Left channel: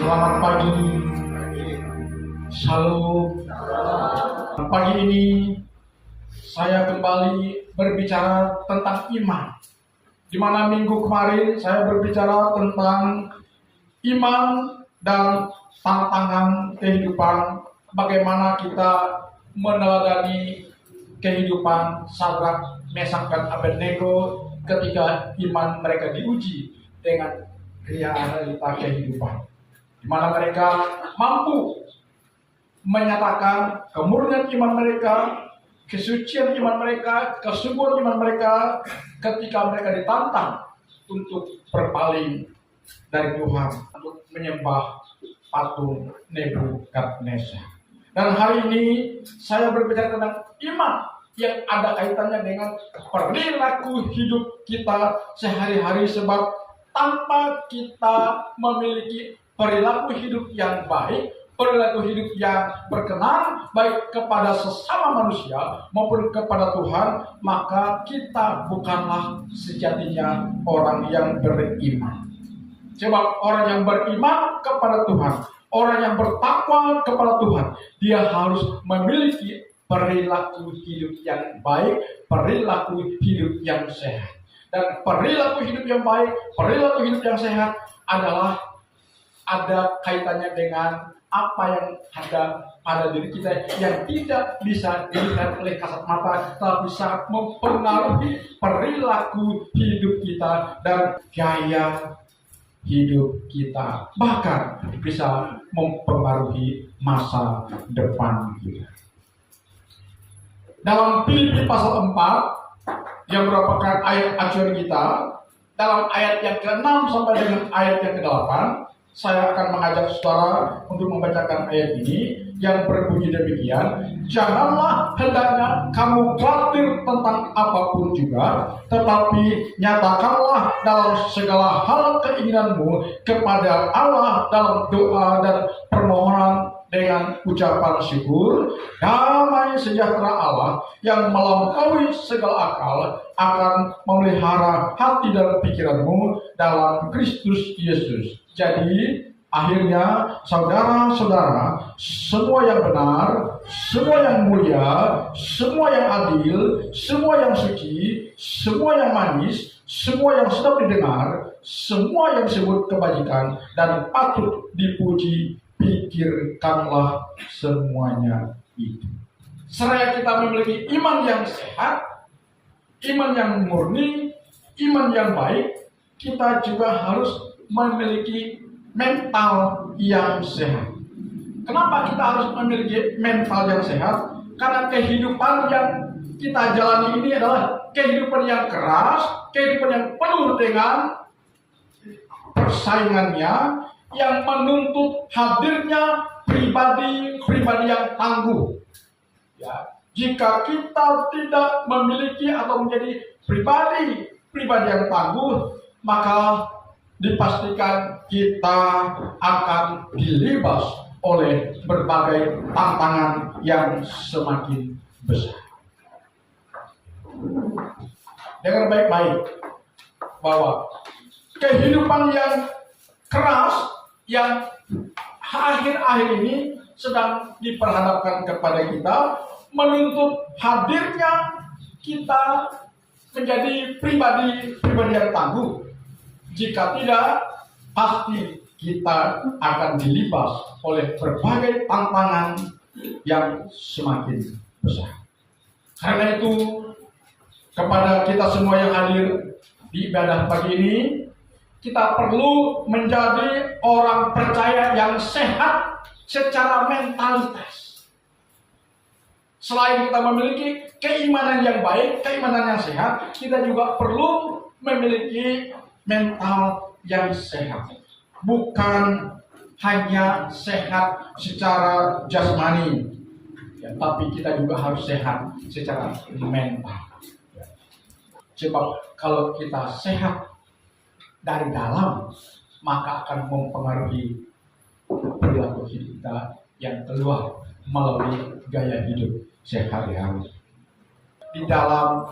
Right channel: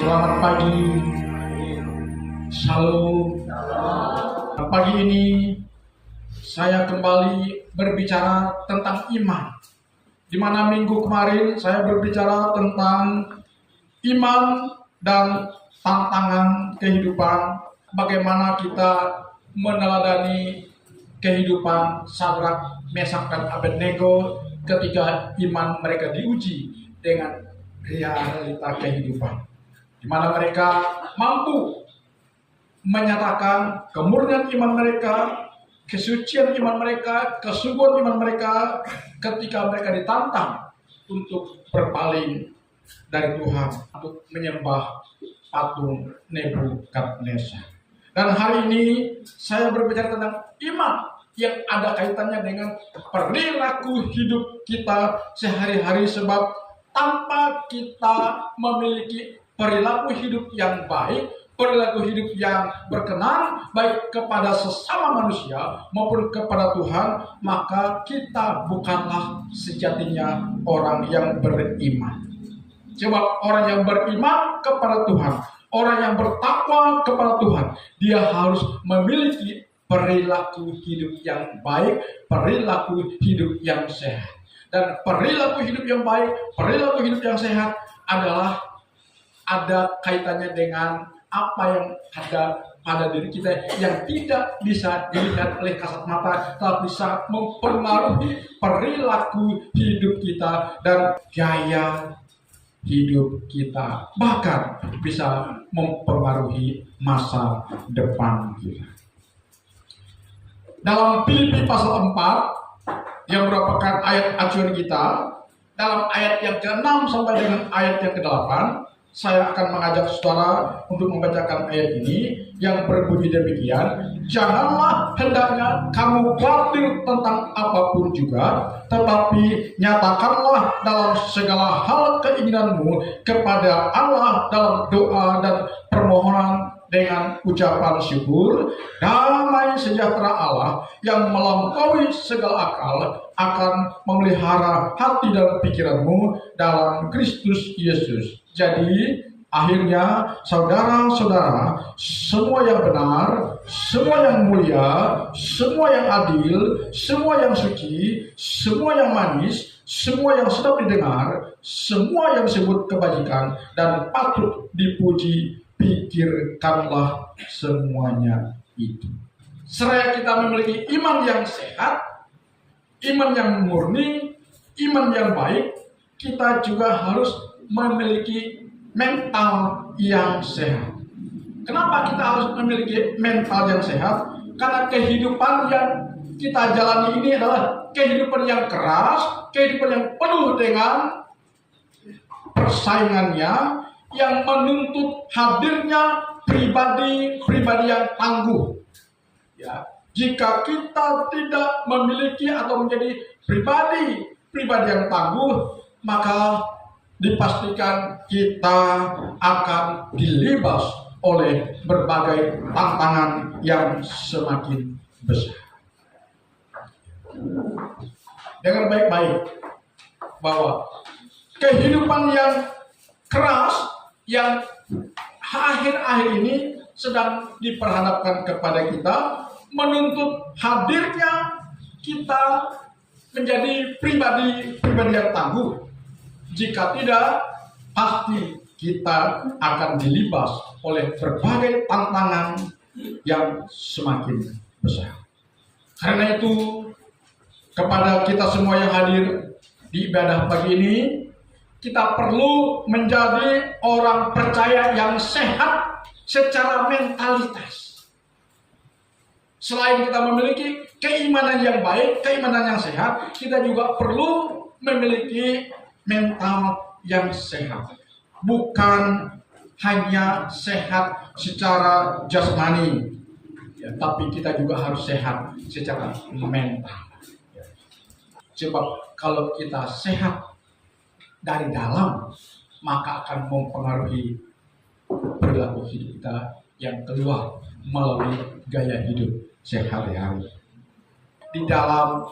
Selamat pagi, Shalom. Pagi ini saya kembali berbicara tentang iman. Di mana minggu kemarin saya berbicara tentang iman dan tantangan kehidupan, bagaimana kita meneladani kehidupan Sadrak, Mesak, dan Abednego ketika iman mereka diuji dengan realita kehidupan, di mana mereka mampu menyatakan kemurnian iman mereka, kesucian iman mereka, kesungguhan iman mereka ketika mereka ditantang untuk berpaling dari Tuhan, untuk menyembah patung Nebukadnezar. Dan hari ini saya berbicara tentang iman yang ada kaitannya dengan perilaku hidup kita sehari-hari, sebab tanpa kita memiliki perilaku hidup yang baik, perilaku hidup yang berkenan baik kepada sesama manusia maupun kepada Tuhan, maka kita bukanlah sejatinya orang yang beriman. Sebab orang yang beriman kepada Tuhan, orang yang bertakwa kepada Tuhan, dia harus memiliki perilaku hidup yang baik, perilaku hidup yang sehat. Dan perilaku hidup yang baik, perilaku hidup yang sehat adalah ada kaitannya dengan apa yang ada pada diri kita yang tidak bisa dilihat oleh kasat mata, tapi bisa mempengaruhi perilaku hidup kita dan gaya hidup kita, bahkan bisa mempengaruhi masa depan kita. Dalam Filipi pasal 4 yang merupakan ayat acuan kita, dalam ayat yang ke-6 sampai dengan ayat yang ke-8, saya akan mengajak saudara untuk membacakan ayat ini yang berbunyi demikian: janganlah hendaknya kamu khawatir tentang apapun juga, tetapi nyatakanlah dalam segala hal keinginanmu kepada Allah dalam doa dan permohonan dengan ucapan syukur. Damai sejahtera Allah yang melampaui segala akal akan memelihara hati dan pikiranmu dalam Kristus Yesus. Jadi akhirnya saudara-saudara, semua yang benar, semua yang mulia, semua yang adil, semua yang suci, semua yang manis, semua yang sedap didengar, semua yang disebut kebajikan dan patut dipuji, pikirkanlah semuanya itu. Seraya kita memiliki iman yang sehat, iman yang murni, iman yang baik, kita juga harus memiliki mental yang sehat. Kenapa kita harus memiliki mental yang sehat? Karena kehidupan yang kita jalani ini adalah kehidupan yang keras, kehidupan yang penuh dengan persaingannya, yang menuntut hadirnya pribadi-pribadi yang tangguh. Ya, jika kita tidak memiliki atau menjadi pribadi yang tangguh, maka dipastikan kita akan dilibas oleh berbagai tantangan yang semakin besar. Dengar baik-baik bahwa kehidupan yang keras yang akhir-akhir ini sedang diperhadapkan kepada kita menuntut hadirnya kita menjadi pribadi yang tangguh. Jika tidak, pasti kita akan dilibas oleh berbagai tantangan yang semakin besar. Karena itu, kepada kita semua yang hadir di ibadah pagi ini, kita perlu menjadi orang percaya yang sehat secara mentalitas. Selain kita memiliki keimanan yang baik, keimanan yang sehat, kita juga perlu memiliki mental yang sehat. Bukan hanya sehat secara jasmani, ya, tapi kita juga harus sehat secara mental. Sebab kalau kita sehat dari dalam, maka akan mempengaruhi perilaku hidup kita yang keluar melalui gaya hidup sehari-hari. Di dalam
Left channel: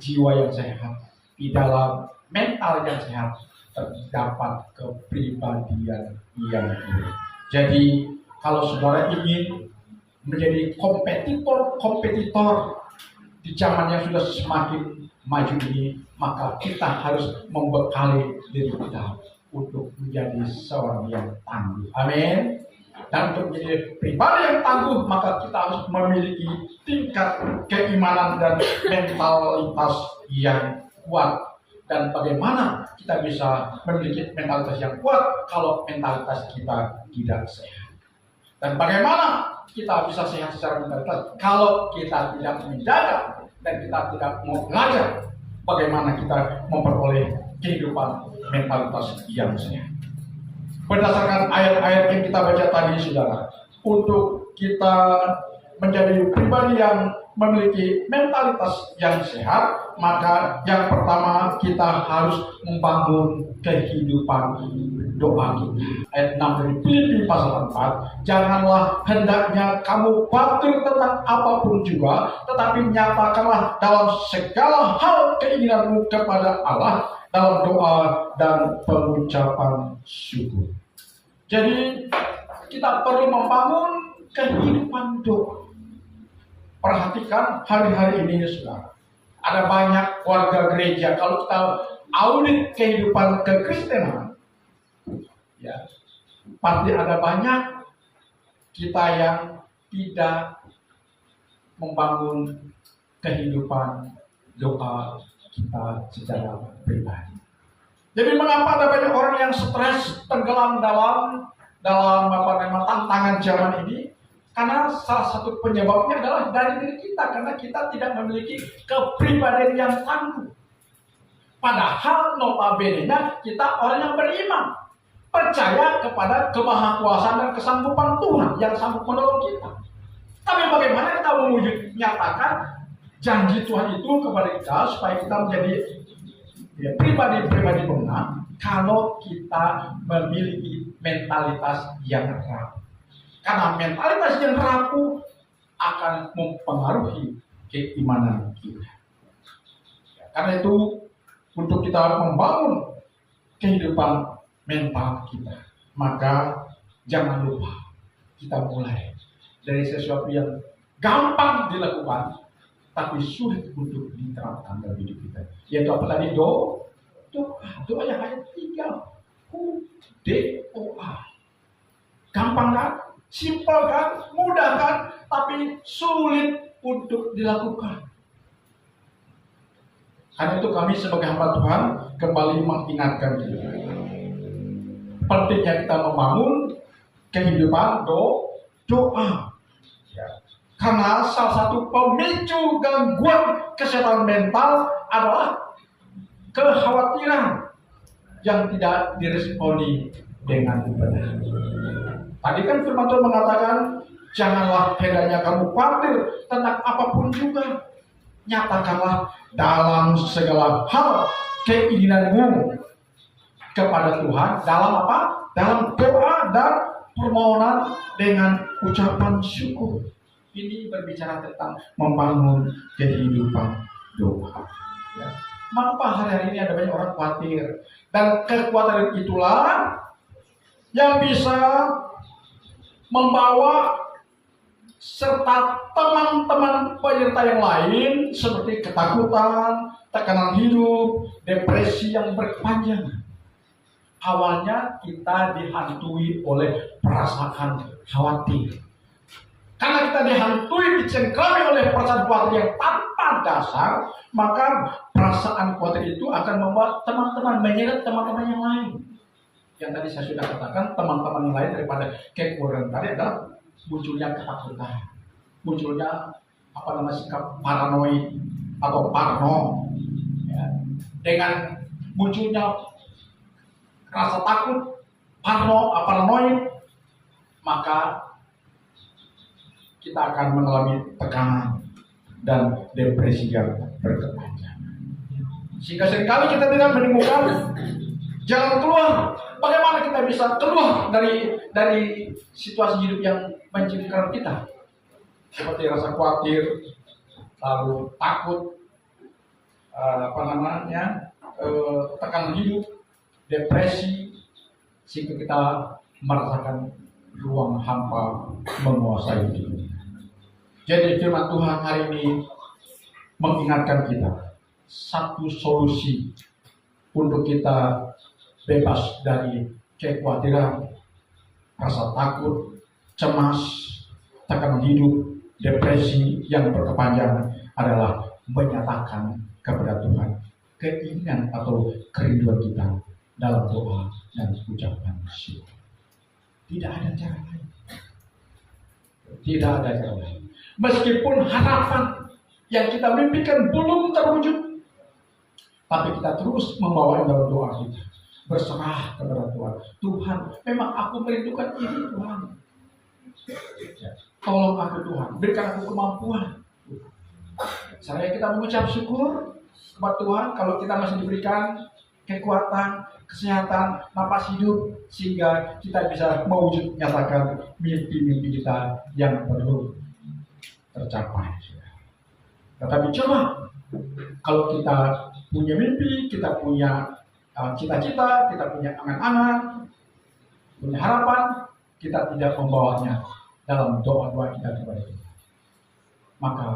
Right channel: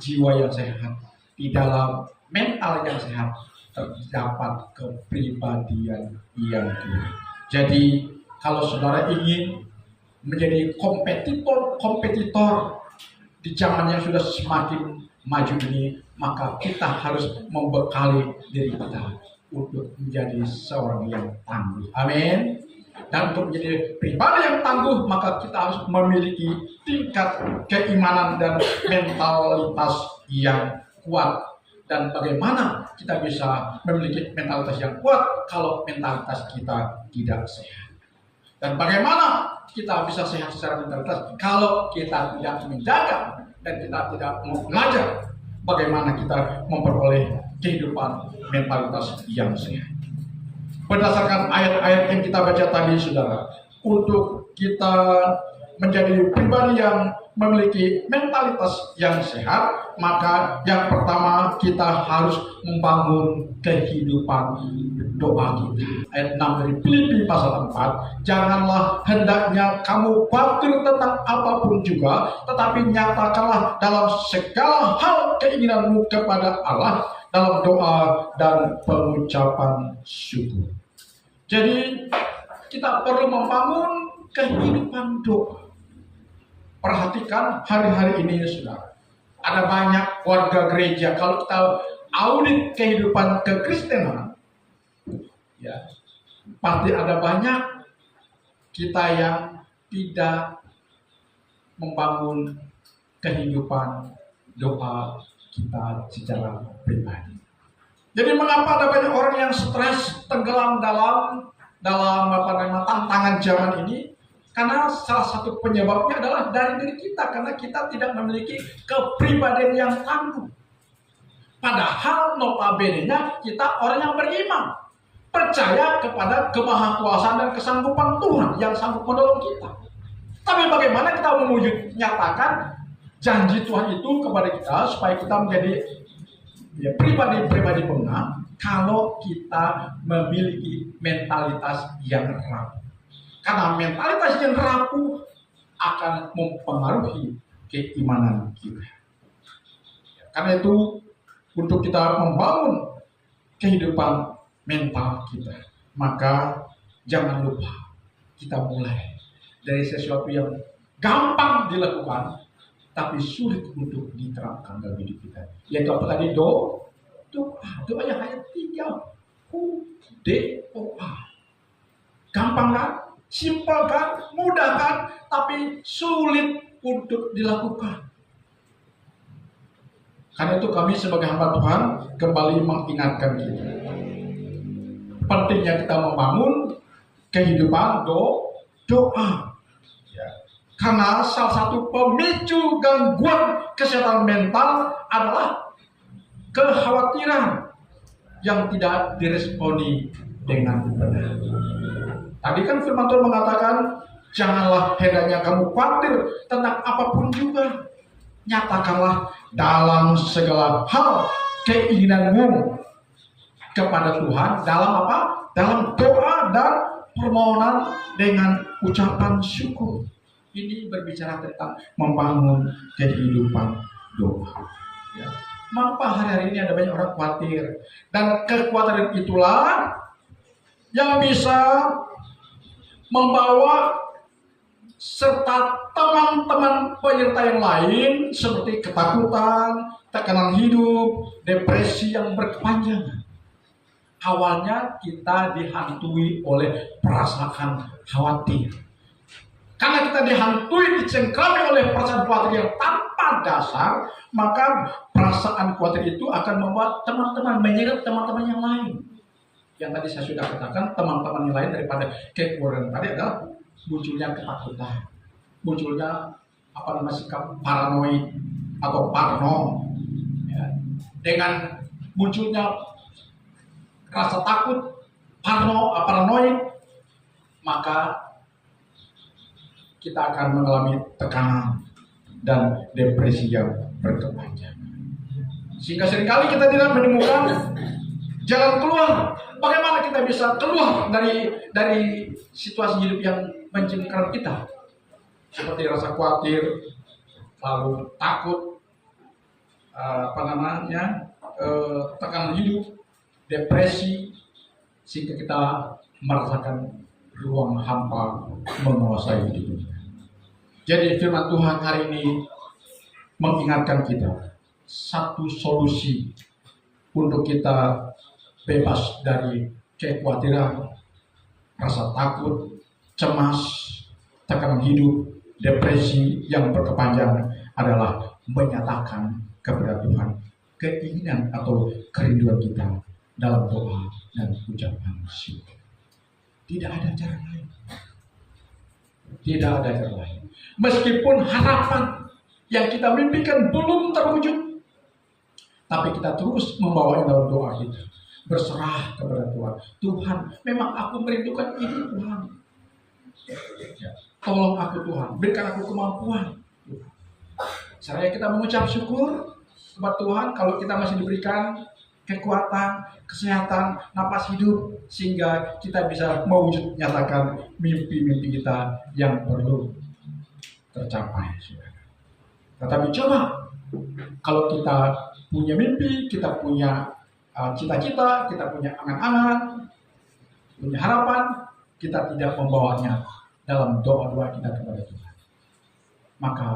jiwa yang sehat, di dalam mental yang sehat, terdapat kepribadian yang tinggi. Jadi kalau saudara ingin menjadi kompetitor di zaman yang sudah semakin maju ini, maka kita harus membekali diri kita untuk menjadi seorang yang tangguh. Amin. Dan untuk menjadi pribadi yang tangguh, maka kita harus memiliki tingkat keimanan dan mentalitas yang kuat. Dan bagaimana kita bisa memiliki mentalitas yang kuat kalau mentalitas kita tidak sehat? Dan bagaimana kita bisa sehat secara mentalitas kalau kita tidak menjaga dan kita tidak mau belajar bagaimana kita memperoleh kehidupan mentalitas yang sehat? Berdasarkan ayat-ayat yang kita baca tadi, saudara, untuk kita menjadi pribadi yang memiliki mentalitas yang sehat, maka yang pertama kita harus membangun kehidupan doa kita. Ayat 6 dari Filipi pasal 4, janganlah hendaknya kamu khawatir tentang apapun juga, tetapi nyatakanlah dalam segala hal keinginanmu kepada Allah dalam doa dan pengucapan syukur. Jadi kita perlu membangun kehidupan doa. Perhatikan hari-hari ini, saudara, ada banyak warga gereja. Kalau kita audit kehidupan kekristenan, ya, pasti ada banyak kita yang tidak membangun kehidupan doa kita secara pribadi. Jadi mengapa ada banyak orang yang stres, tenggelam dalam tantangan zaman ini? Karena salah satu penyebabnya adalah dari diri kita, karena kita tidak memiliki kepribadian yang tangguh. Padahal notabene-nya kita orang yang beriman, percaya kepada kemahakuasaan dan kesanggupan Tuhan yang sanggup menolong kita. Tapi bagaimana kita nyatakan janji Tuhan itu kepada kita supaya kita menjadi pribadi-pribadi pemenang kalau kita memiliki mentalitas yang rapuh. Karena mentalitas yang rapuh akan mempengaruhi keimanan kita. Karena itu, untuk kita membangun kehidupan mental kita, maka jangan lupa kita mulai dari sesuatu yang gampang dilakukan tapi sulit untuk diterapkan dalam hidup kita. Yaitu apa tadi? Doa yang hanya 3 huruf, DOA. Gampang kan? Simpel kan? Mudah kan? Tapi sulit untuk dilakukan. Karena itu kami sebagai hamba Tuhan kembali mengingatkan kita. Pentingnya kita membangun kehidupan doa. Karena salah satu pemicu gangguan kesehatan mental adalah kekhawatiran yang tidak diresponi dengan benar. Tadi kan firman Tuhan mengatakan, janganlah hendaknya kamu khawatir tentang apapun juga. Nyatakanlah dalam segala hal keinginanmu kepada Tuhan dalam apa? Dalam doa dan permohonan dengan ucapan syukur. Ini berbicara tentang membangun kehidupan doa. Ya. Mengapa hari-hari ini ada banyak orang khawatir? Dan kekhawatiran itulah yang bisa membawa serta teman-teman penyerta yang lain seperti ketakutan, tekanan hidup, depresi yang berkepanjangan. Awalnya kita dihantui oleh perasaan khawatir. Karena kita dihantui, dicengkrami oleh perasaan khawatir yang tanpa dasar, maka perasaan khawatir itu akan membuat teman-teman menyeret teman-teman yang lain. Yang tadi saya sudah katakan, teman-teman yang lain daripada kekhawatiran tadi adalah munculnya ketakutan, munculnya sikap paranoid atau parno, ya. Dengan munculnya rasa takut, paranoid, maka kita akan mengalami tekanan dan depresi yang berkepanjangan. Sehingga seringkali kita tidak menemukan jalan keluar. Bagaimana kita bisa keluar dari situasi hidup yang mencengkeram kita? Seperti rasa khawatir, lalu takut, tekanan hidup, depresi, sehingga kita merasakan ruang hampa menguasai hidup kita. Jadi firman Tuhan hari ini mengingatkan kita satu solusi untuk kita bebas dari kekhawatiran, rasa takut, cemas, tekanan hidup, depresi yang berkepanjangan adalah menyatakan kepada Tuhan keinginan atau kerinduan kita dalam doa dan ucapan syukur. Tidak ada cara lain. Tidak ada cara lain. Meskipun harapan yang kita mimpikan belum terwujud, tapi kita terus membawa dalam doa kita, berserah kepada Tuhan. Tuhan, memang aku merindukan ini Tuhan. Tolong aku Tuhan, berikan aku kemampuan. Caranya kita mengucap syukur kepada Tuhan kalau kita masih diberikan kekuatan, kesehatan, napas hidup, sehingga kita bisa mewujud nyatakan mimpi-mimpi kita yang perlu tercapai. Tetapi coba kalau kita punya mimpi, kita punya cita-cita, kita punya angan-angan, punya harapan, kita tidak membawanya dalam doa-doa kita kepada Tuhan, maka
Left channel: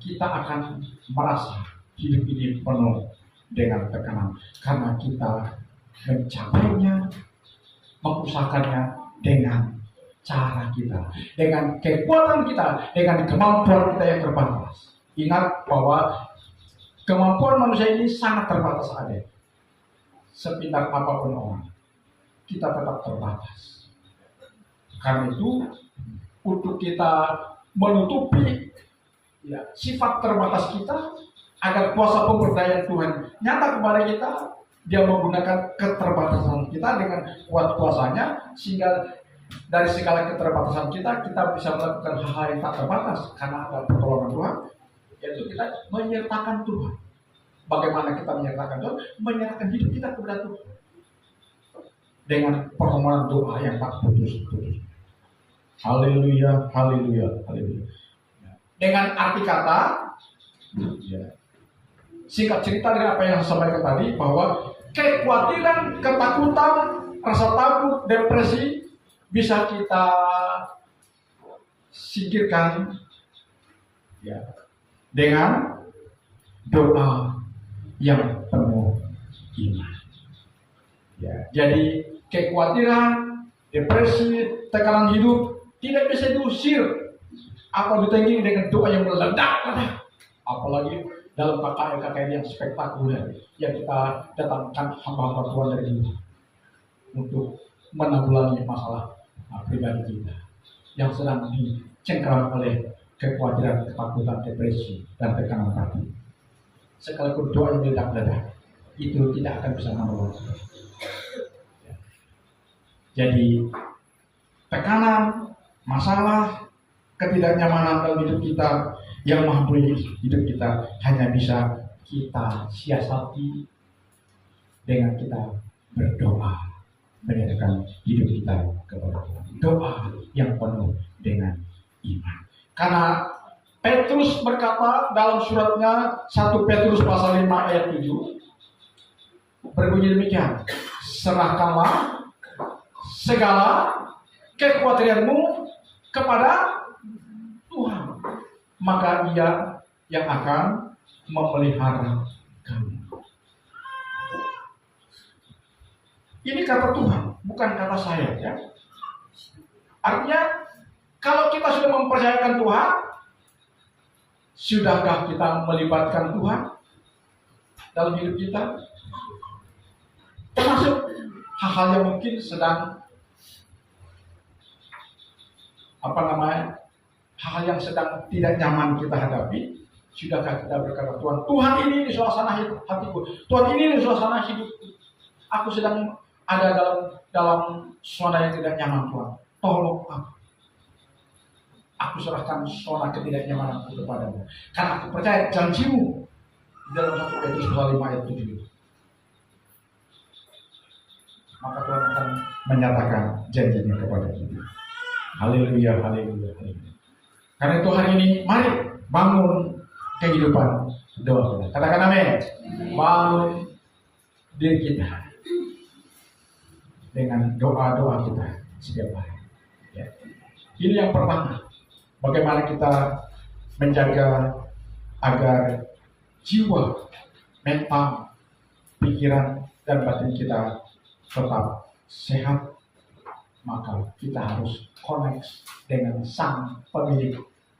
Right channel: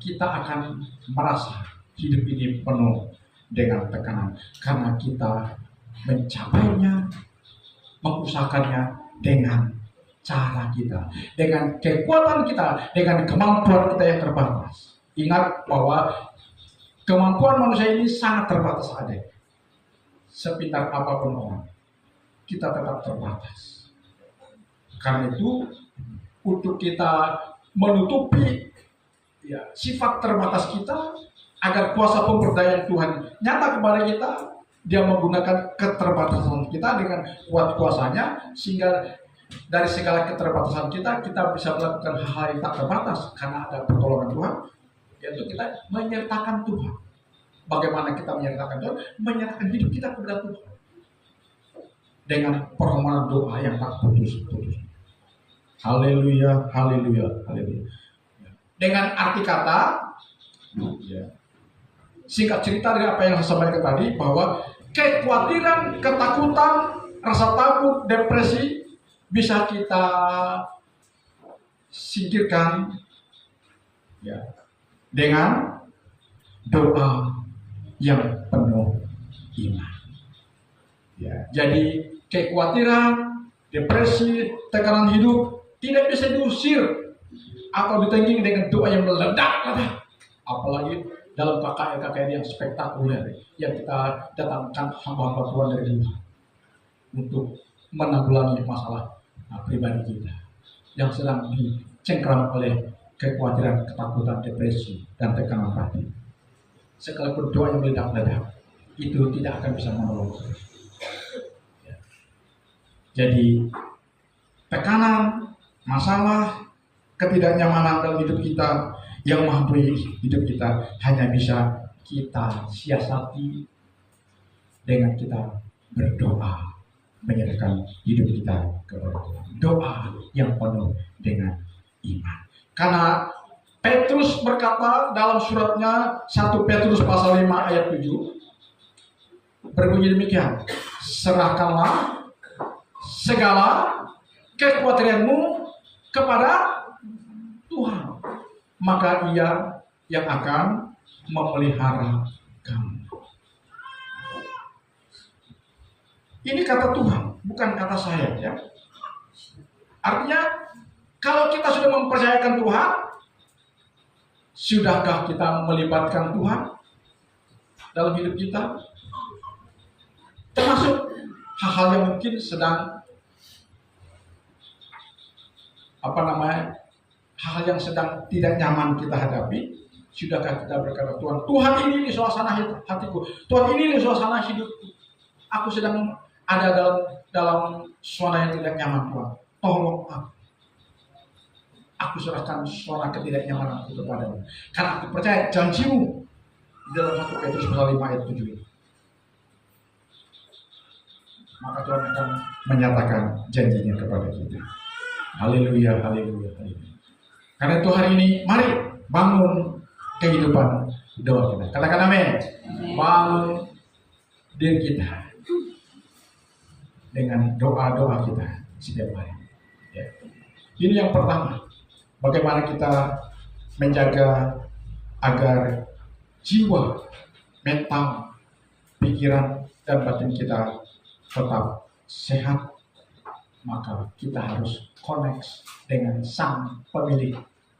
kita akan merasa hidup ini penuh dengan tekanan karena kita mencapainya, mengusahakannya dengan cara kita, dengan kekuatan kita, dengan kemampuan kita yang terbatas. Ingat bahwa kemampuan manusia ini sangat terbatas ada. Sepintar apapun orang, kita tetap terbatas. Karena itu, untuk kita menutupi sifat terbatas kita, agar kuasa pemberdayaan Tuhan nyata kepada kita, Dia menggunakan keterbatasan kita dengan kuat kuasanya, sehingga dari segala keterbatasan kita bisa melakukan hal-hal yang tak terbatas karena ada pertolongan Tuhan, yaitu kita menyertakan Tuhan. Bagaimana kita menyertakan Tuhan? Menyertakan hidup kita kepada Tuhan dengan permohonan doa yang tak putus-putus. Haleluya, haleluya, haleluya. Dengan arti kata, singkat cerita dari apa yang saya sampaikan tadi, bahwa kekhawatiran, ketakutan, rasa takut, depresi bisa kita singkirkan dengan doa yang penuh iman. Jadi kekhawatiran, depresi, tekanan hidup tidak bisa diusir atau ditanggung dengan doa yang meledak-ledak. Apalagi dalam KKN yang spektakuler yang kita datangkan hamba-hamba Tuhan dari luar untuk menanggulangi masalah pribadi kita yang sedang dicengkeram oleh kekhawatiran, ketakutan, depresi, dan tekanan hati. Sekalipun doa yang meledak-ledak itu tidak akan bisa menolong. Jadi tekanan, masalah, ketidaknyamanan dalam hidup kita yang menghantui hidup kita hanya bisa kita siasati dengan kita berdoa, menyerahkan hidup kita kepada Tuhan. Doa yang penuh dengan iman. Karena Petrus berkata dalam suratnya 1 Petrus pasal 5 ayat 7 berbunyi demikian, serahkanlah segala kekhawatiranmu kepada Tuhan, maka Ia yang akan memelihara kamu. Ini kata Tuhan, bukan kata saya, ya. Artinya, kalau kita sudah mempercayakan Tuhan, sudahkah kita melibatkan Tuhan dalam hidup kita? Termasuk hal-hal yang mungkin sedang hal yang sedang tidak nyaman kita hadapi. Sudahkah kita berkata, Tuhan ini di suasana hatiku, Tuhan ini di suasana hidupku, aku sedang ada dalam suasana yang tidak nyaman, Tuhan, tolong aku serahkan suasana ketidaknyamananku kepadamu, karena aku percaya janjimu di dalam 1 Petrus pasal 5 ayat 7 itu. Maka Tuhan akan menyatakan janjinya kepada kita. Haleluya, haleluya, haleluya. Karena itu hari ini mari bangun kehidupan doa kita. Katakan amin. Bangun diri kita. dengan doa-doa kita setiap hari. Ya. Ini yang pertama, bagaimana kita menjaga agar jiwa, mental, pikiran, dan batin kita tetap sehat. Maka kita harus connect dengan Sang Pemilik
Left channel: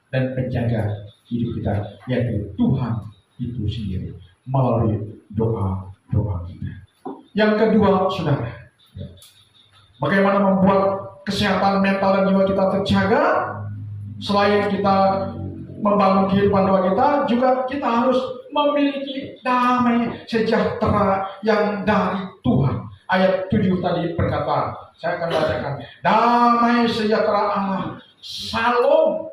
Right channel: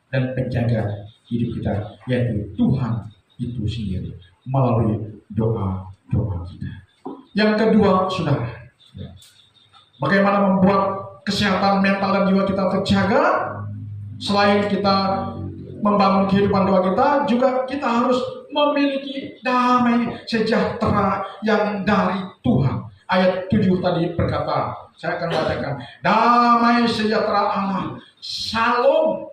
dan penjaga hidup kita, yaitu Tuhan itu sendiri, melalui doa-doa kita. Yang kedua, saudara, bagaimana membuat kesehatan mental dan jiwa kita terjaga? Selain kita membangun kehidupan doa kita, juga kita harus memiliki damai sejahtera yang dari Tuhan. Ayat 7 tadi berkata, saya akan bacakan, damai sejahtera Allah, Shalom.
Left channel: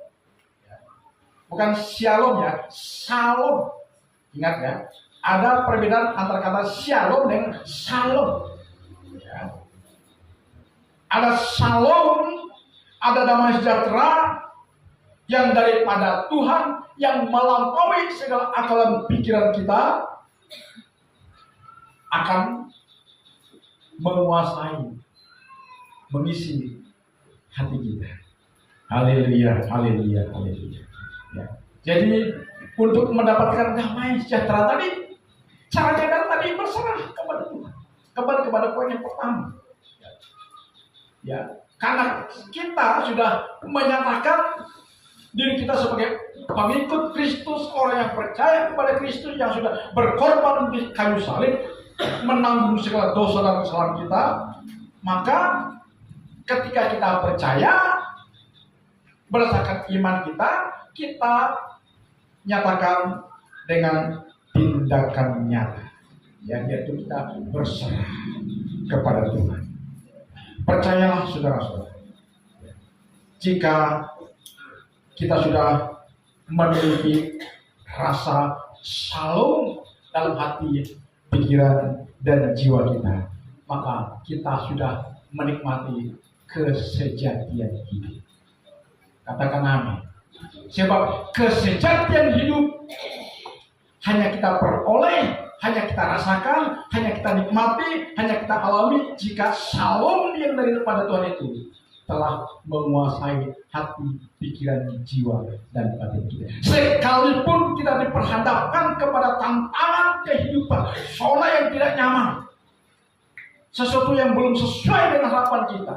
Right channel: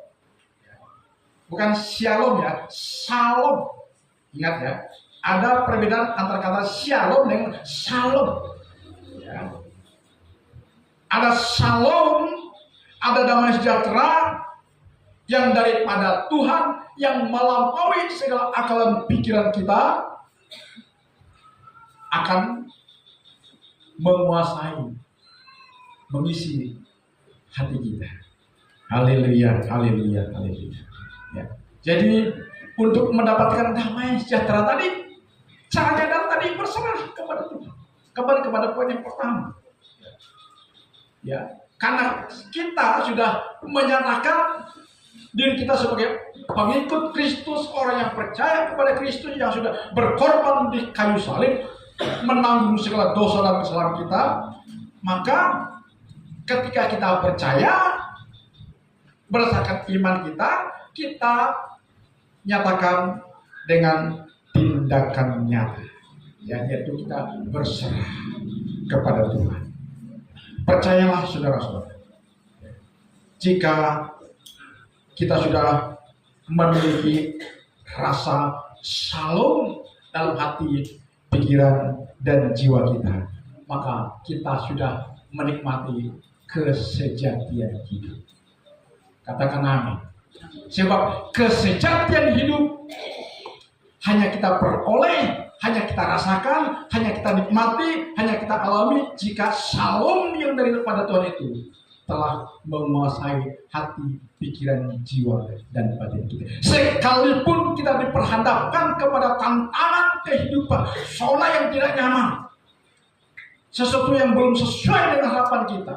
Bukan shalom ya, Shalom. Ingat ya, ada perbedaan antara kata shalom dengan shalom. Ya. Ada shalom, ada damai sejahtera yang daripada Tuhan, yang melampaui segala akal dan pikiran kita, akan menguasai, mengisi hati kita. Haleluya, haleluya, haleluya. Ya. Jadi untuk mendapatkan damai sejahtera tadi, caranya tadi berserah kepada Tuhan. Kepada poin yang pertama. Ya, karena kita sudah menyatakan diri kita sebagai pengikut Kristus, orang yang percaya kepada Kristus, yang sudah berkorban di kayu salib, menanggung segala dosa dan kesalahan kita. Maka ketika kita percaya berdasarkan iman kita, kita nyatakan dengan tindakan nyata, yaitu kita berserah kepada Tuhan. Percayalah saudara-saudara, jika kita sudah memiliki rasa shalom dalam hati, pikiran, dan jiwa kita, maka kita sudah menikmati kesejatian hidup. Katakan amin. Sebab kesejatian hidup hanya kita peroleh, hanya kita rasakan, hanya kita nikmati, hanya kita alami jika shalom yang daripada Tuhan itu telah menguasai hati, pikiran, jiwa, dan batin kita. Sekalipun kita diperhadapkan kepada tantangan kehidupan, zona yang tidak nyaman, sesuatu yang belum sesuai dengan harapan kita,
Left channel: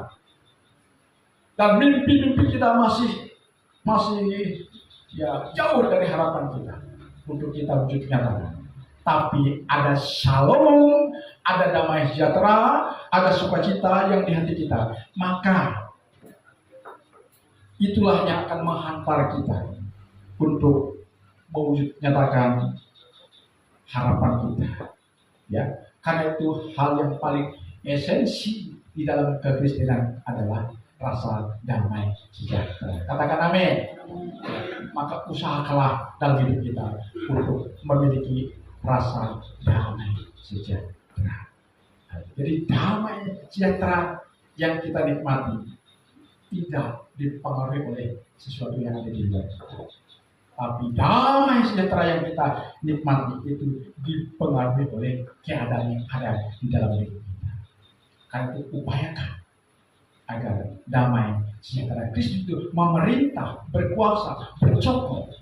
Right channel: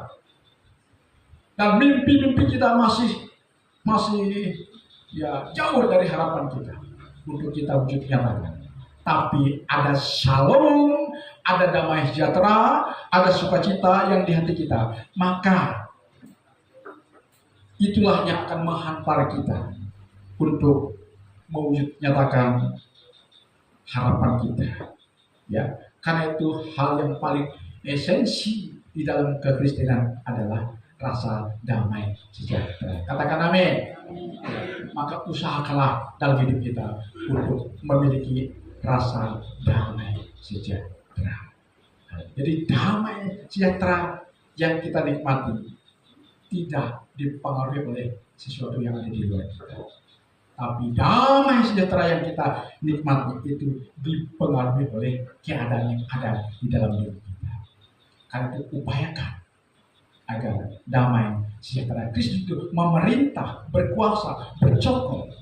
dan mimpi-mimpi kita masih ya jauh dari harapan kita untuk kita wujud nyatakan. Tapi ada shalom, ada damai sejahtera, ada sukacita yang di hati kita. Maka itulah yang akan menghantar kita untuk mewujud nyatakan harapan kita. Ya, karena itu hal yang paling esensi di dalam kekristenan adalah rasa damai sejahtera. Katakan amin. Maka usahakanlah dalam hidup kita untuk memiliki rasa damai sejahtera. Jadi damai sejahtera yang kita nikmati tidak dipengaruhi oleh sesuatu yang ada di luar kita. Tapi damai sejahtera yang kita nikmati itu dipengaruhi oleh keadaan yang ada di dalam hidup kita. Karena itu upayakan agar damai sejahtera Kristus itu memerintah, berkuasa, bercokol,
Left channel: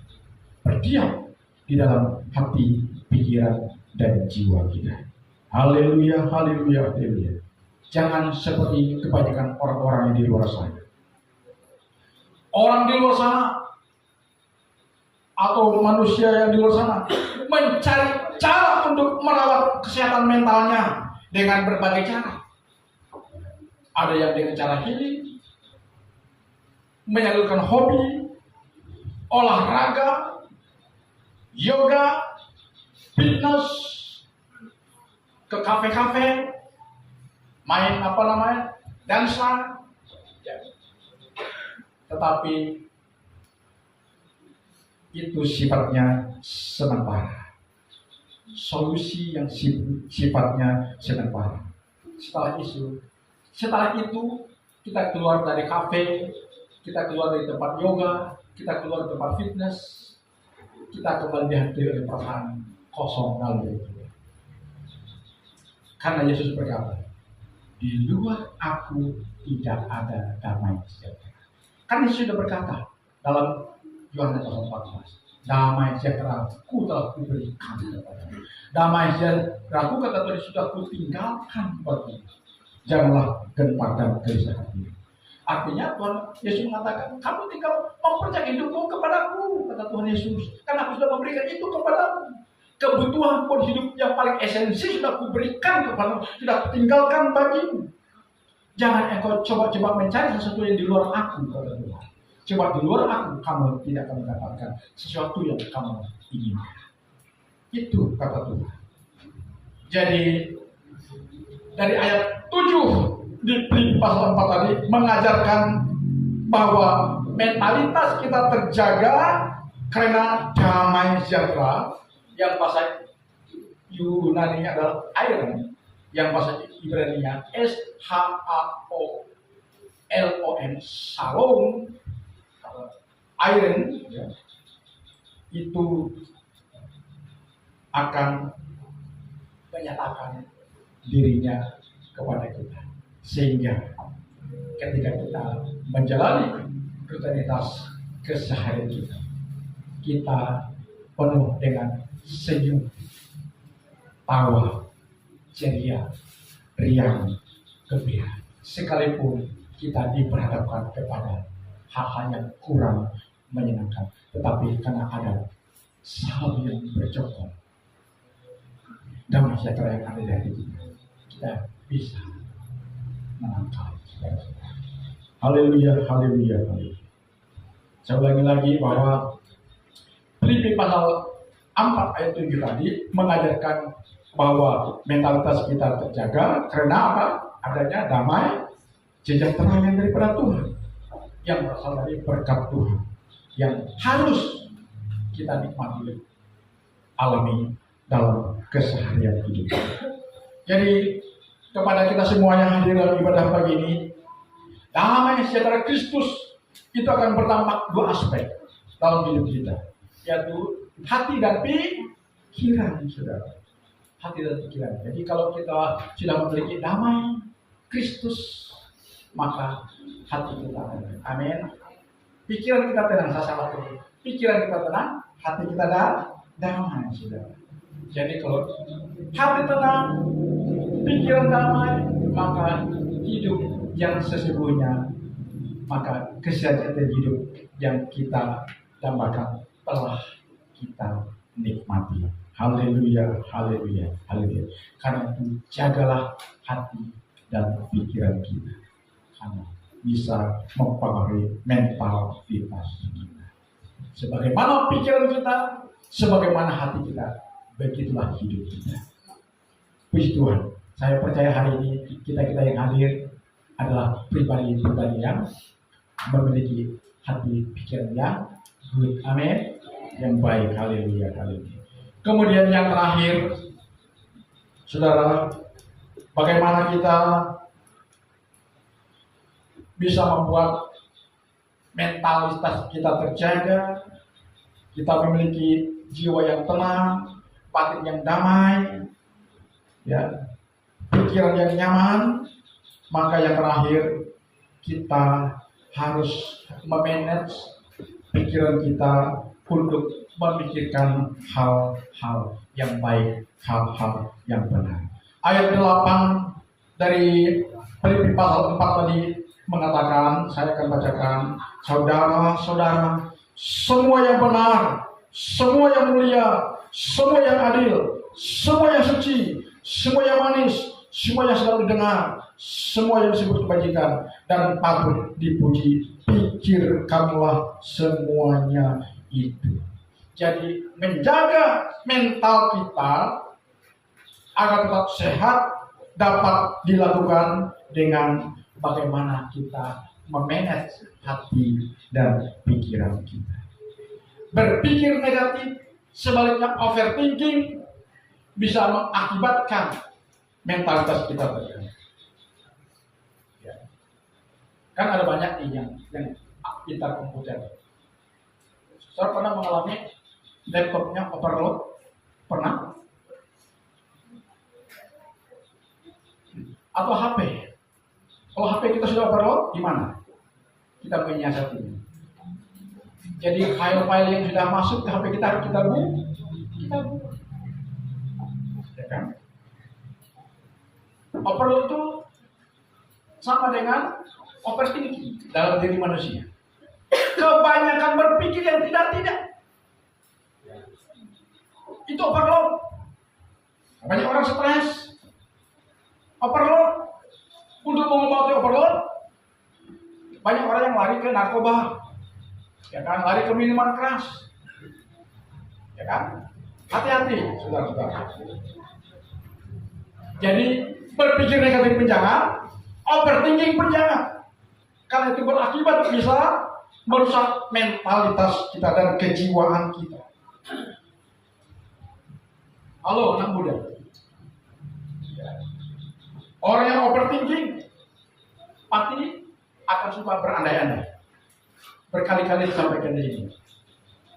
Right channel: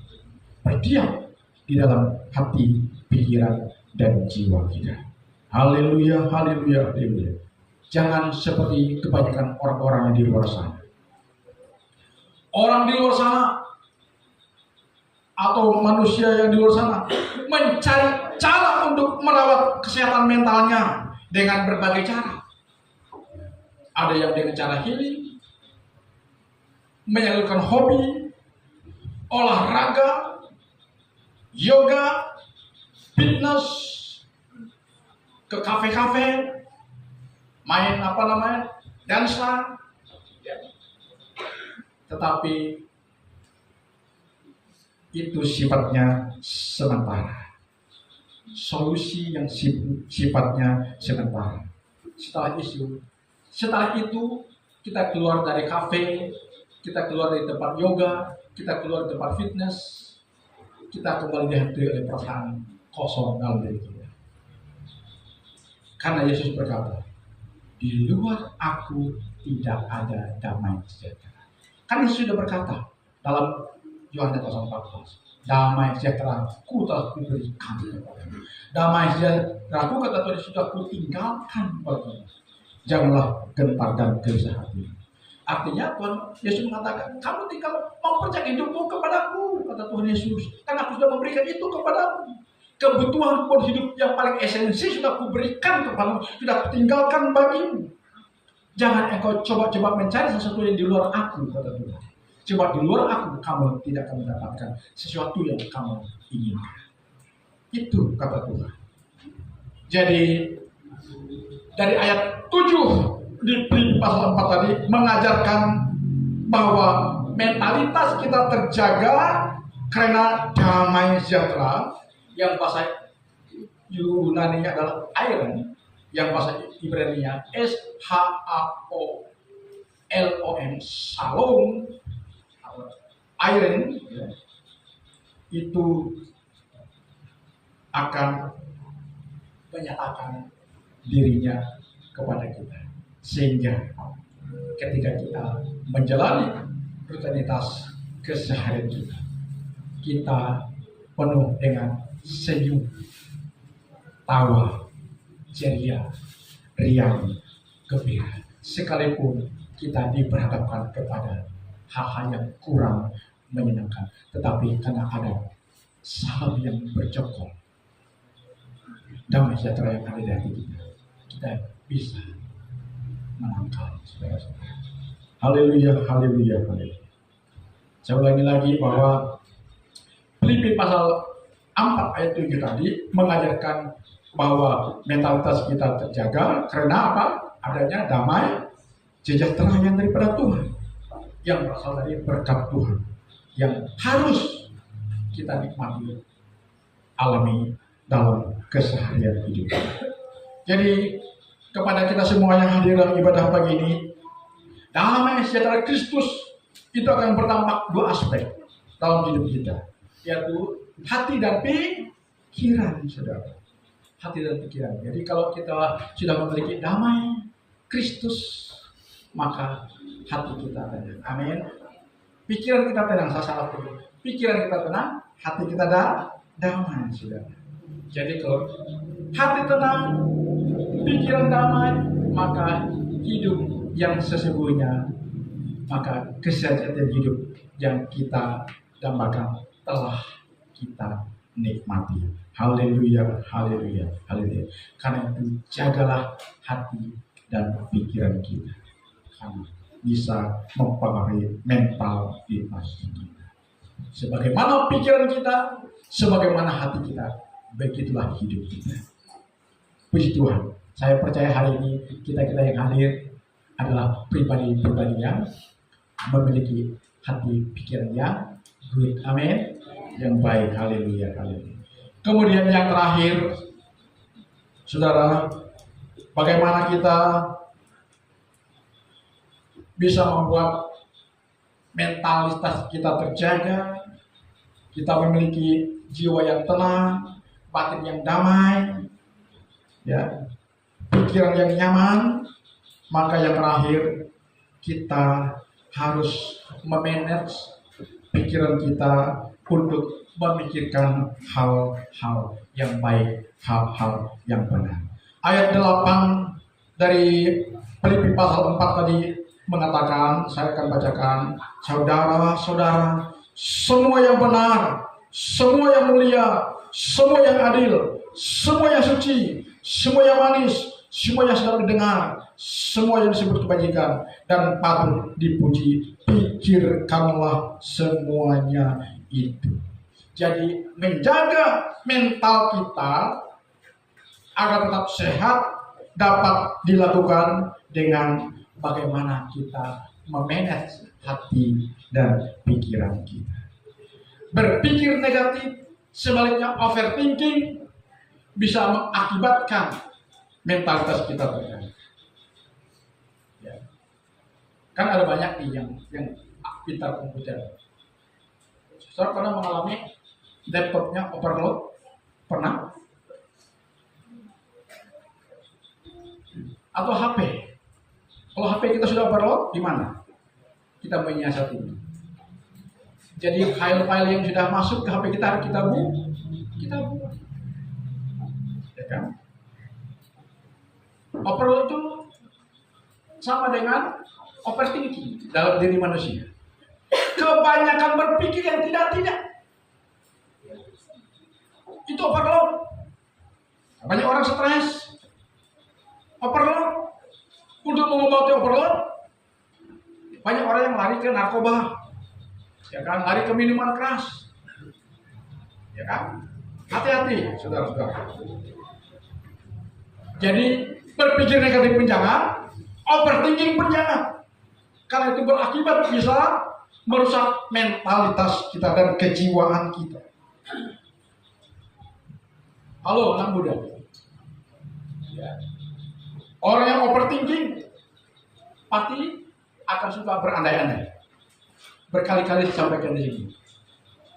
berdiam di dalam hati, pikiran, dan jiwa kita. Haleluya, haleluya, haleluya. Jangan seperti kebanyakan orang-orang yang di luar sana. Orang di luar sana atau manusia yang di luar sana mencari cara untuk merawat kesehatan mentalnya dengan berbagai cara. Ada yang dengan cara healing, menyalurkan hobi, olahraga, yoga, fitness, ke kafe-kafe, main dansa. Tetapi itu sifatnya sementara. Solusi yang sifatnya sementara. Setelah itu kita keluar dari kafe, kita keluar dari tempat yoga, kita keluar dari tempat fitness, kita kembali dihantui oleh perasaan kosong dalam diri kita. Karena Yesus berkata, di luar aku tidak ada damai sejahtera. Kan Yesus sudah berkata dalam Yohanes pasal 14, damai sejahtera ku telah kuberikan kepadamu. Damai sejahtera ku, kata Tuhan, sudah kutinggalkan bagimu. Janganlah gentar dan gelisah hati. Artinya Tuhan Yesus mengatakan, kamu tinggal mempercayai hidupmu kepadaku, kata Tuhan Yesus. Karena aku sudah memberikan itu kepadamu. Kebutuhan pun hidup yang paling esensi sudah kuberikan kepadamu, sudah kutinggalkan bagimu. Jangan engkau coba-coba mencari sesuatu yang di luar aku, kata Tuhan. Coba di luar aku, kamu tidak akan mendapatkan sesuatu yang kamu inginkan. Itu kata Tuhan. Jadi dari ayat 7 di Filipi pasal 4 tadi mengajarkan bahwa mentalitas kita terjaga karena damai sejahtera, yang bahasa Yunani adalah iron, yang bahasa Ibrani-nya SHAOLOM, Shalom, iron, ya, itu akan menyatakan dirinya kepada kita, sehingga ketika kita menjalani rutinitas keseharian kita penuh dengan senyum, tawa, ceria, riang, gembira, sekalipun kita diperhadapkan kepada hal-hal yang kurang menyenangkan, tetapi karena ada Salam yang bercokol, damai sejahtera yang ada di hati kita bisa menangkal saudara-saudara. Haleluya, haleluya, haleluya. Saya ulangi lagi bahwa Filipi pasal 4 ayat 7 tadi mengajarkan bahwa mentalitas kita terjaga karena apa? Adanya damai sejahtera yang daripada Tuhan, yang berasal dari berkat Tuhan, yang harus kita nikmati, alami dalam keseharian hidup. Jadi kepada kita semua yang hadir dalam ibadah pagi ini, damai sejahtera Kristus itu akan berdampak dua aspek dalam hidup kita, yaitu hati dan pikiran, saudara. Hati dan pikiran. Jadi kalau kita sudah memiliki damai Kristus, maka hati kita tenang. Amin. Pikiran kita tenang, saya salah tuh. Pikiran kita tenang, hati kita damai, saudara. Jadi kalau hati tenang, pikiran damai, maka hidup yang sesungguhnya, maka kesejahteraan hidup yang kita dambakan telah kita nikmati. Haleluya, haleluya, haleluya. Karena itu jagalah hati dan pikiran kita, karena bisa mempengaruhi mentalitas kita. Sebagaimana pikiran kita, sebagaimana hati kita, begitulah hidup kita. Puji Tuhan, saya percaya hari ini kita yang hadir adalah pribadi-pribadi yang memiliki hati pikiran yang good, amin, yang baik. Haleluya, haleluya. Kemudian yang terakhir, saudara, bagaimana kita bisa membuat mentalitas kita terjaga, kita memiliki jiwa yang tenang, batin yang damai, ya, pikiran yang nyaman. Maka yang terakhir, kita harus memanage pikiran kita untuk memikirkan hal-hal yang baik, hal-hal yang benar. Ayat 8 dari Filipi pasal 4 tadi mengatakan, saya akan bacakan, saudara-saudara, semua yang benar, semua yang mulia, semua yang adil, semua yang suci, semua yang manis, semua yang sedang didengar, semua yang disebut kebajikan dan patut dipuji, pikirkanlah semuanya itu. Jadi menjaga mental kita agar tetap sehat dapat dilakukan dengan bagaimana kita memanage hati dan pikiran kita. Berpikir negatif, sebaliknya overthinking, bisa mengakibatkan mentalitas kita terganggu. Ya. Kan ada banyak nih yang pintar komputer. Saya pernah mengalami laptopnya overload, pernah? Atau HP Kalau HP kita sudah overload, gimana? Kita menyiasatinya. Jadi file-file yang sudah masuk ke HP kita harus kita buang. Ya kan? Overload itu sama dengan overthinking dalam diri manusia. Kebanyakan berpikir yang tidak-tidak. Itu overload. Banyak orang stres. Overload. Untuk mengobati overload, banyak orang yang lari ke narkoba. Ya kan, lari ke minuman keras. Ya kan? Hati-hati, saudara-saudara. Jadi, berpikir negatif pun jangan, overthinking pun jangan. Karena itu berakibat bisa merusak mentalitas kita dan kejiwaan kita. Halo, anak muda. Ya. Orang yang overthinking pasti akan suka berandai-andai. Berkali-kali disampaikan di sini.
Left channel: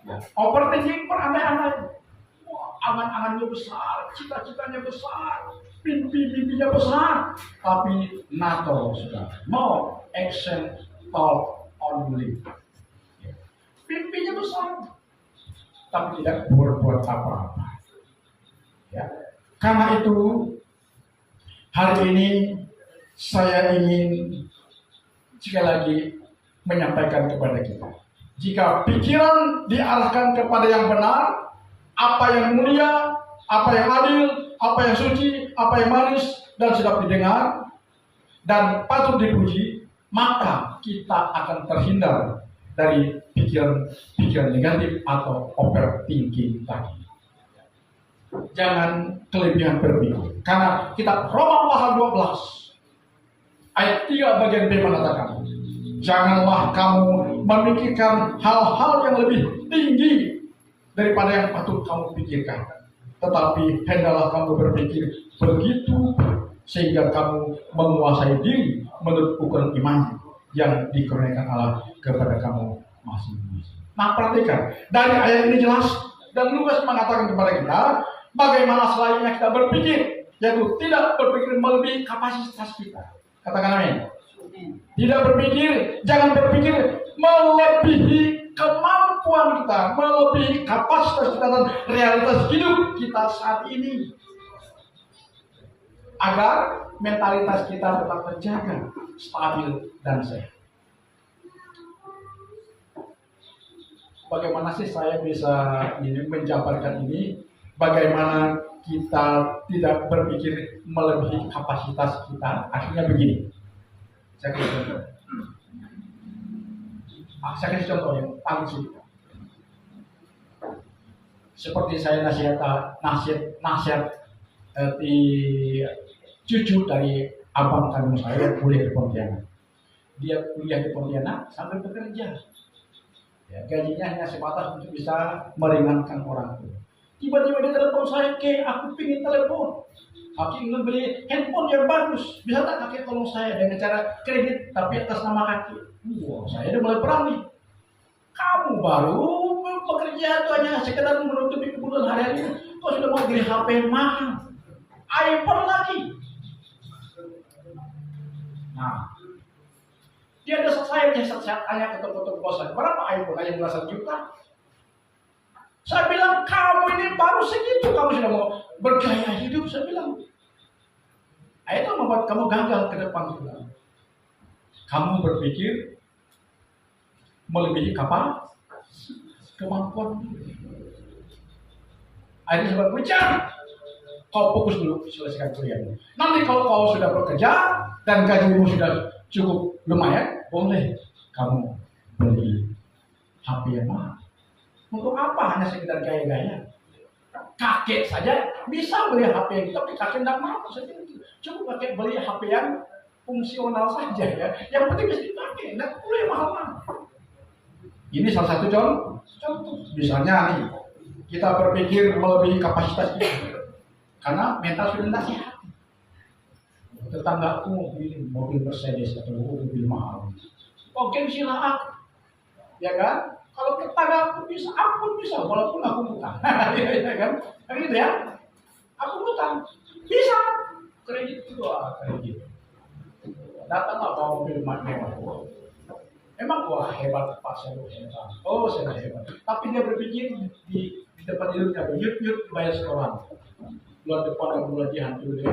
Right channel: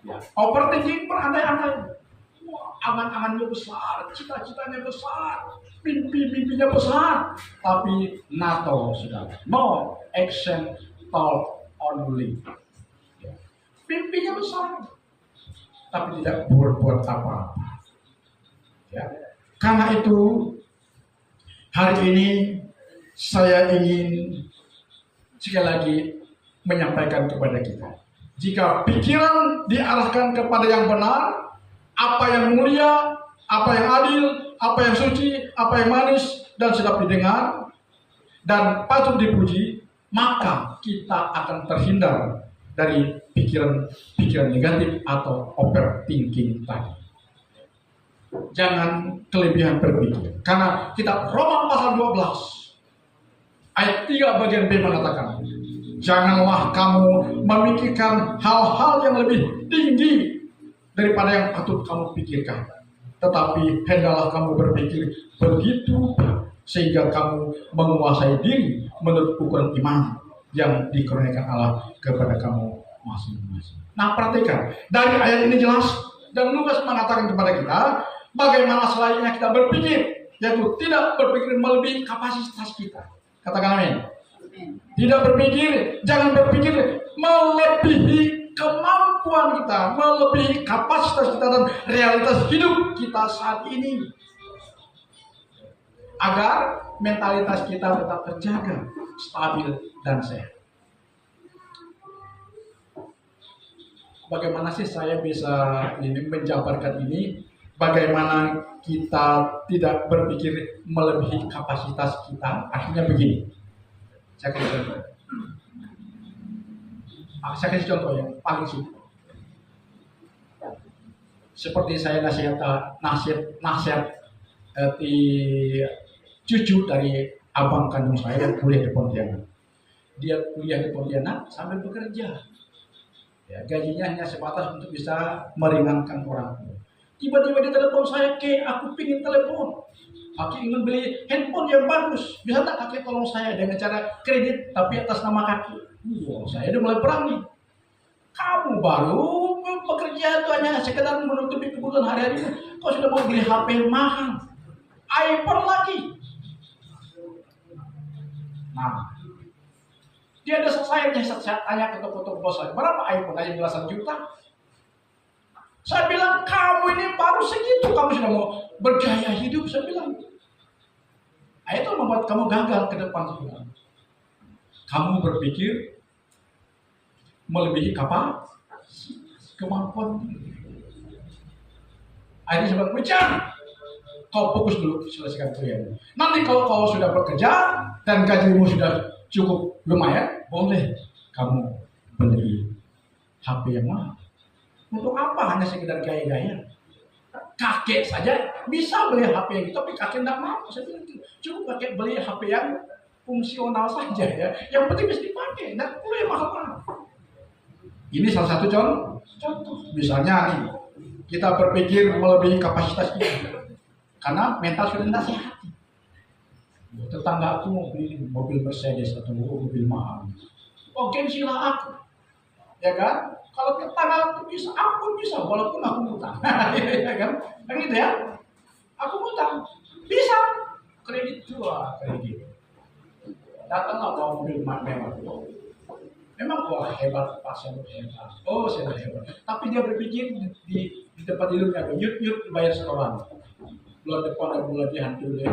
Ya. Overthinking berandai-andai. Wah, angan-angannya besar, cita-citanya besar, mimpi-mimpinya besar, tapi NATO sudah no action talk only. Ya. Mimpinya besar, tapi tidak berbuat apa-apa. Ya. Karena itu hari ini saya ingin sekali lagi menyampaikan kepada kita, jika pikiran diarahkan kepada yang benar, apa yang mulia, apa yang adil, apa yang suci, apa yang manis dan sedap didengar dan patut dipuji, maka kita akan terhindar dari pikiran-pikiran negatif atau overthinking tadi. Jangan kelebihan berpikir. Karena kitab Roma pasal 12 ayat 3 bagian B mengatakan, janganlah kamu memikirkan hal-hal yang lebih tinggi daripada yang patut kamu pikirkan, tetapi hendaklah kamu berpikir begitu sehingga kamu menguasai diri menurut ukuran iman yang dikurniakan Allah kepada kamu masing-masing. Nah, perhatikan, dari ayat ini jelas dan Lukas mengatakan kepada kita bagaimana selayaknya kita berpikir, yaitu tidak berpikir melebihi kapasitas kita. Katakan amin. Tidak berpikir, jangan berpikir melebihi kemampuan kita, melebihi kapasitas kita dan realitas hidup kita saat ini. Agar mentalitas kita tetap terjaga, stabil dan sehat. Bagaimana sih saya bisa menjabarkan ini? Bagaimana kita tidak berpikir melebihi kapasitas kita? Akhirnya begini. Saya kasih contoh yang paling simpel. Seperti saya nasihat di cucu dari abang kandung saya yang kuliah di Pontianak. Dia kuliah di Pontianak sambil bekerja. Ya, gajinya hanya sebatas untuk bisa meringankan orang tua. Tiba-tiba dia telepon saya, aku pingin telepon. Kaki ingin beli handphone yang bagus. Bisa tak kakek tolong saya dengan cara kredit tapi atas nama kaki? Wah, saya udah mulai berani. Kamu baru bekerja itu hanya sekedar menutupi kebutuhan hari-hari. Kau sudah mau beli HP mahal, iPhone lagi. Nah, dia ada saya tanya ke toko-toko bos saya, berapa iPhone? Aja belasan juta. Saya bilang, kamu ini baru segitu, kamu sudah mau bergaya hidup. Saya bilang, itu membuat kamu gagal ke depan. Kamu berpikir melebihi kemampuan. Akhirnya saya bilang, kau fokus dulu selesaikan kuliah. Nanti kalau kau sudah bekerja dan gajimu sudah cukup lumayan, boleh kamu beli HP yang mahal. Untuk apa? Hanya sekedar gaya-gaya. Kakek saja bisa beli HP yang itu, tapi kakek tidak mau. Saya bilang, cukup kakek beli HP yang fungsional saja ya. Yang penting bisa dipakai, tidak perlu yang mahal-mahal. Ini salah satu contoh. Misalnya nih, kita berpikir melebihi kapasitas kita. Karena mental sudah tidak sehat. Tetangga aku mau beli mobil Mercedes atau mobil mahal. Oh, gengsilah aku. Ya kan? Kalau tetangga aku bisa, aku pun bisa, walaupun aku utang. Ya kan? Gitu ya. Aku utang. Bisa. Kredit juga, kredit. Datanglah bawa mobil mewah. Memang wah hebat Pak Selo hebat. Oh saya hebat. Tapi dia berpikir di tempat hidupnya yut dibayar setoran. Bulan depan dan bulan dihantui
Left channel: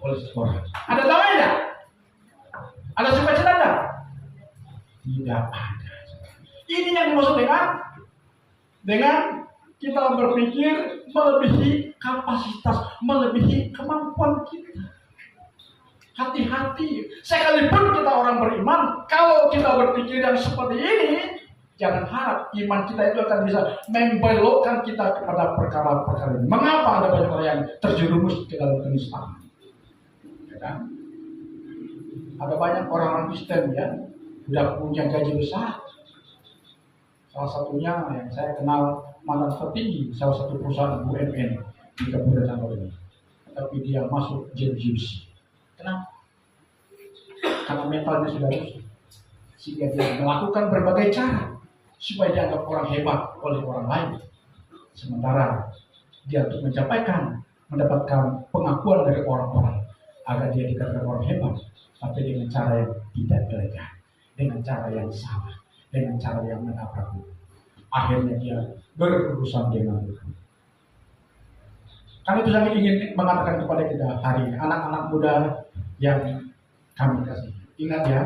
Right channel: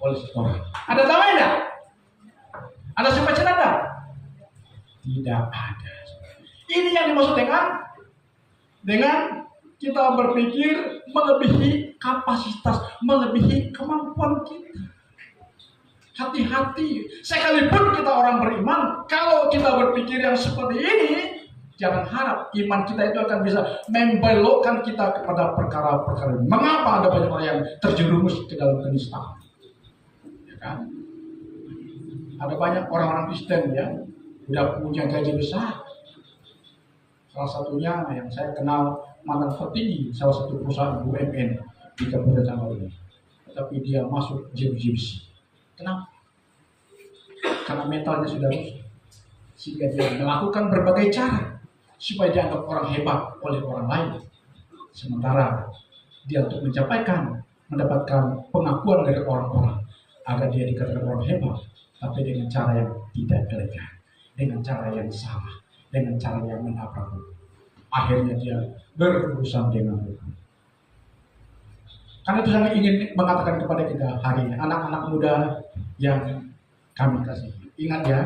oleh setoran. Ada damai enggak? Ada sukacita enggak? Tidak ada. Ini yang dimaksud dengan kita berpikir melebihi kapasitas, melebihi kemampuan kita. Hati-hati, sekalipun kita orang beriman, kalau kita berpikir yang seperti ini, jangan harap iman kita itu akan bisa membelokkan kita kepada perkara-perkara ini. Mengapa ada banyak orang yang terjerumus ke dalam kenistaan? Ya kan? Ada banyak orang-orang Kristen yang sudah punya gaji besar. Salah satunya yang saya kenal mantan petinggi salah satu perusahaan BUMN di Kabupaten ini. Tapi dia masuk JBC. Kenapa? Karena mentalnya sudah rusak. Sehingga dia melakukan berbagai cara supaya dianggap orang hebat oleh orang lain. Sementara dia untuk mendapatkan pengakuan dari orang-orang agar dia dikatakan orang hebat, tapi dengan cara yang tidak elegan, dengan cara yang salah, dengan cara yang menabrak hukum. Akhirnya dia berurusan dengan hukum. Karena itu saya ingin mengatakan kepada kita hari ini, anak-anak muda yang kami kasih. Ingat ya,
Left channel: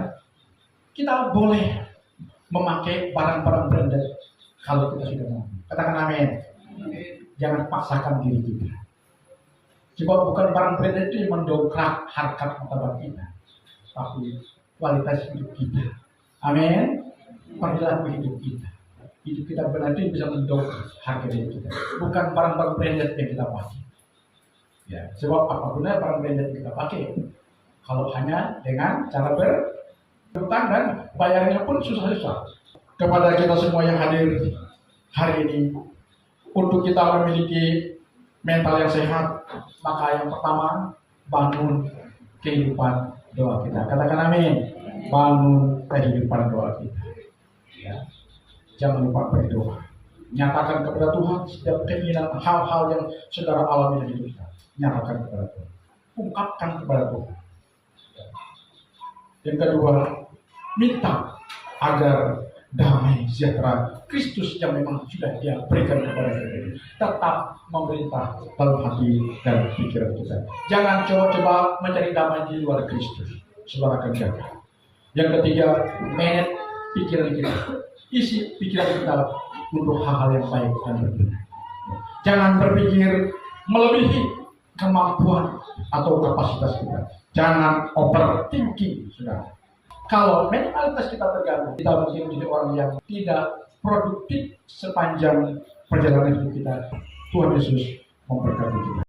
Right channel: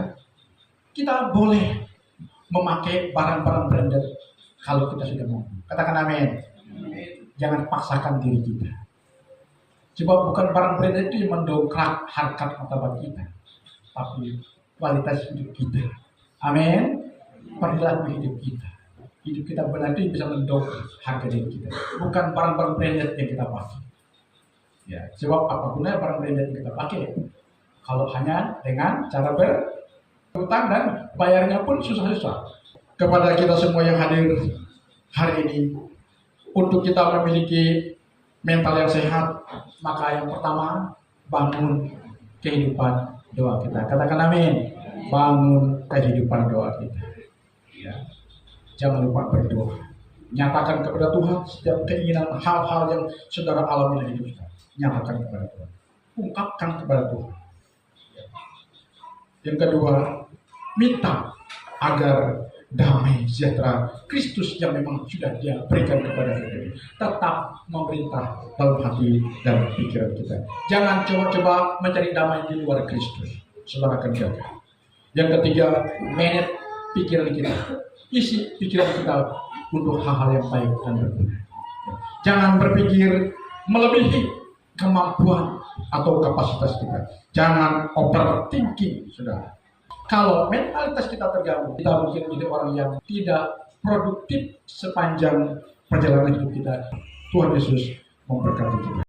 kita boleh memakai barang-barang branded kalau kita sudah mampu. Katakan amin. Jangan paksakan diri kita. Sebab bukan barang branded itu yang mendongkrak harkat martabat kita, tapi kualitas hidup kita. Amin. Perilaku hidup kita. Hidup kita benar itu bisa mendongkrak harga diri kita. Bukan barang-barang branded yang kita pakai. Ya, sebab apa gunanya barang branded yang kita pakai kalau hanya dengan cara berhutang dan bayarnya pun susah-susah. Kepada kita semua yang hadir hari ini, untuk kita memiliki mental yang sehat, maka yang pertama bangun kehidupan doa kita. Katakan amin. Bangun kehidupan doa kita. Ya. Jangan lupa berdoa. Nyatakan kepada Tuhan setiap keinginan hal-hal yang saudara alami dalam hidup kita. Nyatakan kepada Tuhan. Ungkapkan kepada Tuhan. Yang kedua, minta agar damai sejahtera Kristus yang memang sudah Dia berikan kepada kita tetap memerintah dalam hati dan pikiran kita. Jangan coba-coba mencari damai di luar Kristus. Saudara akan jaga. Yang ketiga, manage pikiran kita. Isi pikiran kita untuk hal-hal yang baik dan berguna. Jangan berpikir melebihi kemampuan atau kapasitas kita. Jangan overthinking, saudara. Kalau mentalitas kita terganggu, kita mungkin menjadi orang yang tidak produktif sepanjang perjalanan hidup kita. Tuhan Yesus memberkati kita.